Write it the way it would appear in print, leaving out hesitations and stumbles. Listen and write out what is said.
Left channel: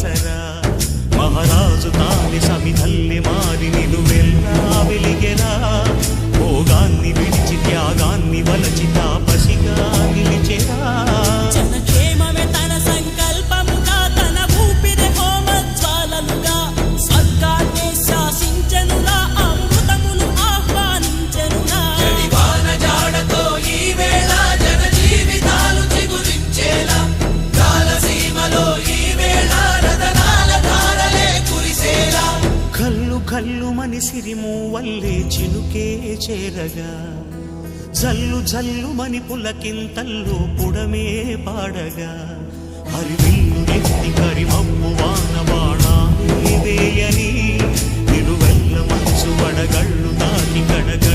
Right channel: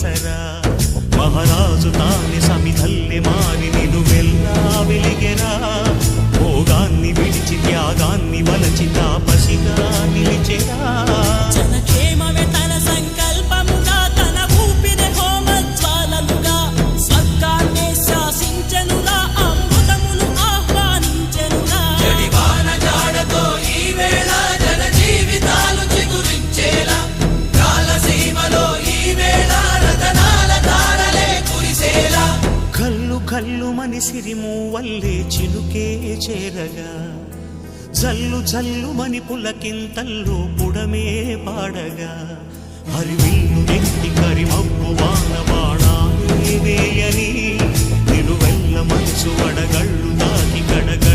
ఆసరా మహారాజు తానే సమిధల్లె మారి నిలువెల్లా వెలిగెరా భోగాన్ని విడిచి త్యాగాన్ని వలచి తాపసిగా నిలిచెరా జనక్షేమమే తన సంకల్పముగా తన ఊపిరి హోమజ్వాలలుగా స్వర్గాన్నే శాసించెనురా అమృతమును ఆహ్వానించెనురా జాడతో ఈ వేళ జన జీవితాలు చిగురించేలా కాలసీమలో ఈ వేళ రతనాల ధారలే కురిసేలా కల్లు కల్లు మని సిరిము వల్లే చినుకే చేరగా జల్లు జల్లు మని పులకింతల్లు పుడమే పాడగా హరివిల్లు ఎత్తి కరిమబ్బు వాన బాణాలే వేయని నిలువెల్ల మంచు వడగళ్ళు తాకి కడగ